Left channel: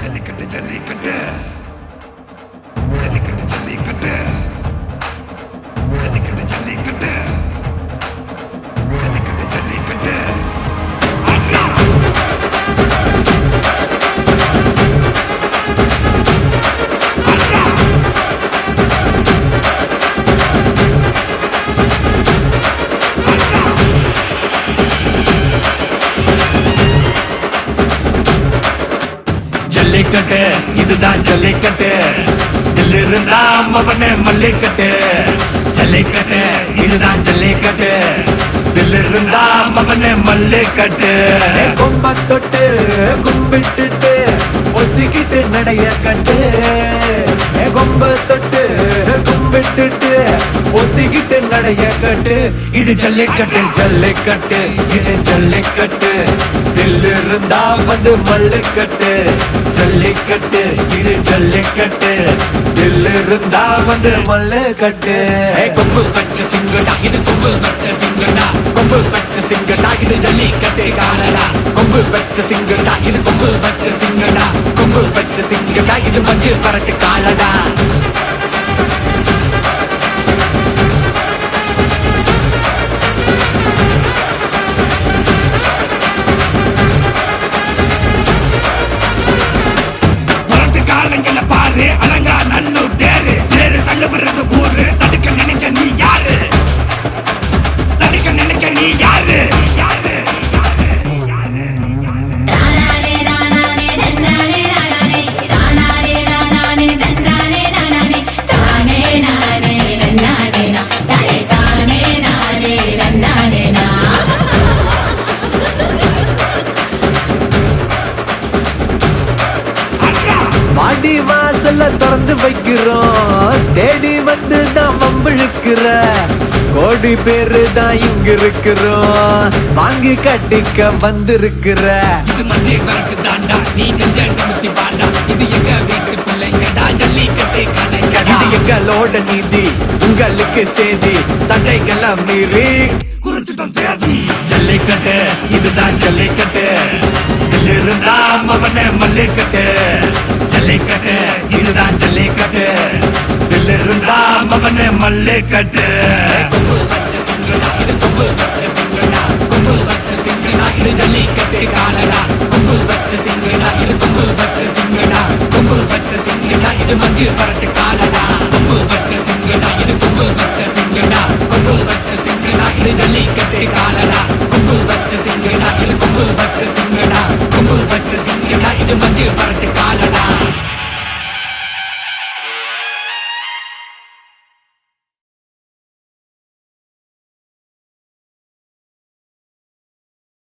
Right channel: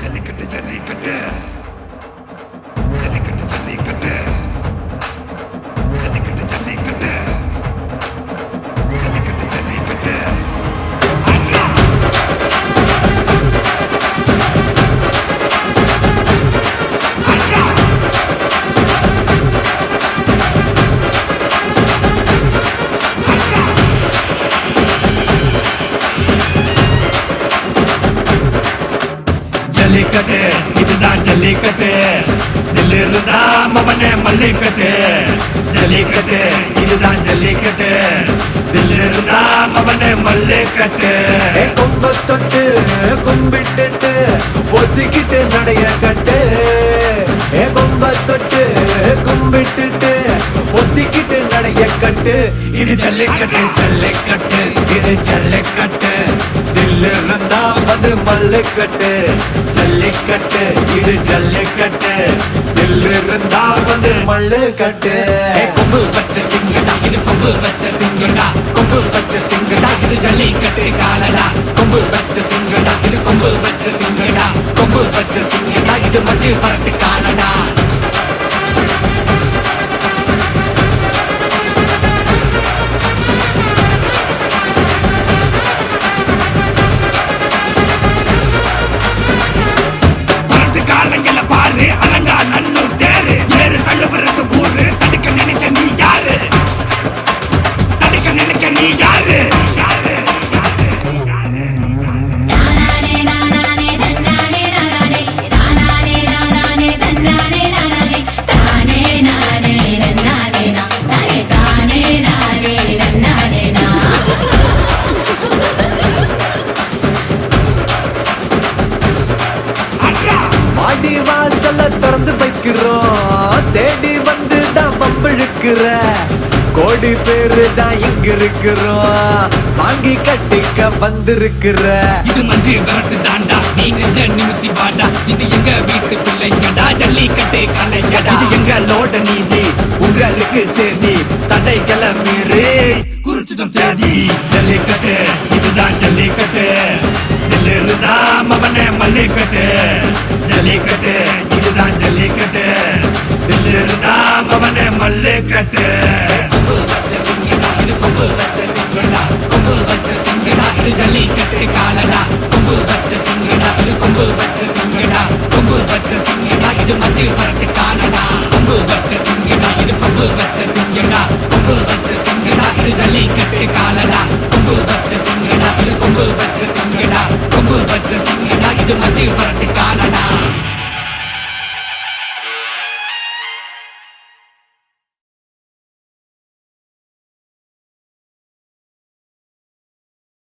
ஜல்லிக்கட்டு ஜல்லிக்கட்டு ஜல்லிக்கட்டு ஜல்லிக்கட்டு ஜல்லிக்கட்டு ஜல்லிக்கட்டு ஜல்லிக்கட்டு ஜல்லிக்கட்டு ஆட்ரா ஆட்ரா ஆட்ரா ஜல்லிக்கட்டு இதுதான் ஜல்லிக்கட்டு தில் இருந்தா மவனே மல்லிக்கட்டு ஜல்லிக்கட்டு இதுதான் ஜல்லிக்கட்டு தில் இருந்தா மவனே மல்லிக்கட்டு கும்ப தொட்டு கும்பிட்டுட்டு ஒத்திக்கிட்டு நடைய கட்டு கும்ப தொட்டு கும்பிட்டுட்டு ஒத்திக்கிட்டு நடைய கட்டு இது ஜல்லிக்கட்டு ஜல்லிக்கட்டு இது ஜல்லிக்கட்டு தில் இருந்தா வந்து மல்லுக்கட்டு ஜல்லிக்கட்டு இது ஜல்லிக்கட்டு தில் இருந்தா வந்து மல்லுக்கட்டு கொம்பு வச்ச சிங்கடா இது கொம்பு வச்ச சிங்கடா கொம்பு வச்ச சிங்கடா இது ஜல்லிக்கட்டு காலடா கொம்பு வச்ச சிங்கடா இது கொம்பு வச்ச சிங்கடா கொம்பு வச்ச சிங்கடா இது மஞ்சள் பரட்டு காலடா காலங்கள பாரு அலங்கா நல்லூர் தேரு ஏறு தள்ளுவுறது ஊரு தடுக்க நினைக்க நீ யாரு தடுக்க நினைக்க நீ யாரு பாடி வாசல திறந்து வைக்கிறோம் தேடி வந்து தான் பம்பிழுக்கிற கோடி பேரு தான் இங்க இருக்கிறோம் வாங்கி கட்டிக்க வந்திருக்கிற இது மஞ்சி வரட்டு தாண்டா நீ நெஞ்ச நிமித்தி பாண்டா இது எங்க வீட்டு பிள்ளைங்கடா ஜல்லிக்கட்டு கலைஞடா இது எங்களோட நீதி உங்களுக்கு செய்தி தடைகளை மீறி குறிச்சிடும் தேதி ஜல்லிக்கட்டு இதுதான் ஜல்லிக்கட்டு இதில் இருந்தா மவனே மல்லிக்கட்டு ஜல்லிக்கட்டு இதுதான் ஜல்லிக்கட்டு இதில் இருந்தா மவனே மல்லிக்கட்டு கொம்பு வச்ச சிங்கடா இது கொம்பு வச்ச சிங்கடா கொம்பு வச்ச சிங்கடா இது ஜல்லிக்கட்டு காலடா கொம்பு வச்ச சிங்கடா இது கொம்பு வச்ச சிங்கடா கொம்பு வச்ச சிங்கடா இது மஞ்சு வரட்டு காலடா கொம்பு வச்ச சிங்கடா இது கொம்பு வச்ச சிங்கடா கொம்பு வச்ச சிங்கடா இது ஜல்லிக்கட்டு காலடா கொம்பு வச்ச சிங்கடா இது கொம்பு வச்ச சிங்கடா கொம்பு வச்ச சிங்கடா இது மஞ்சு வரட்டு காலடா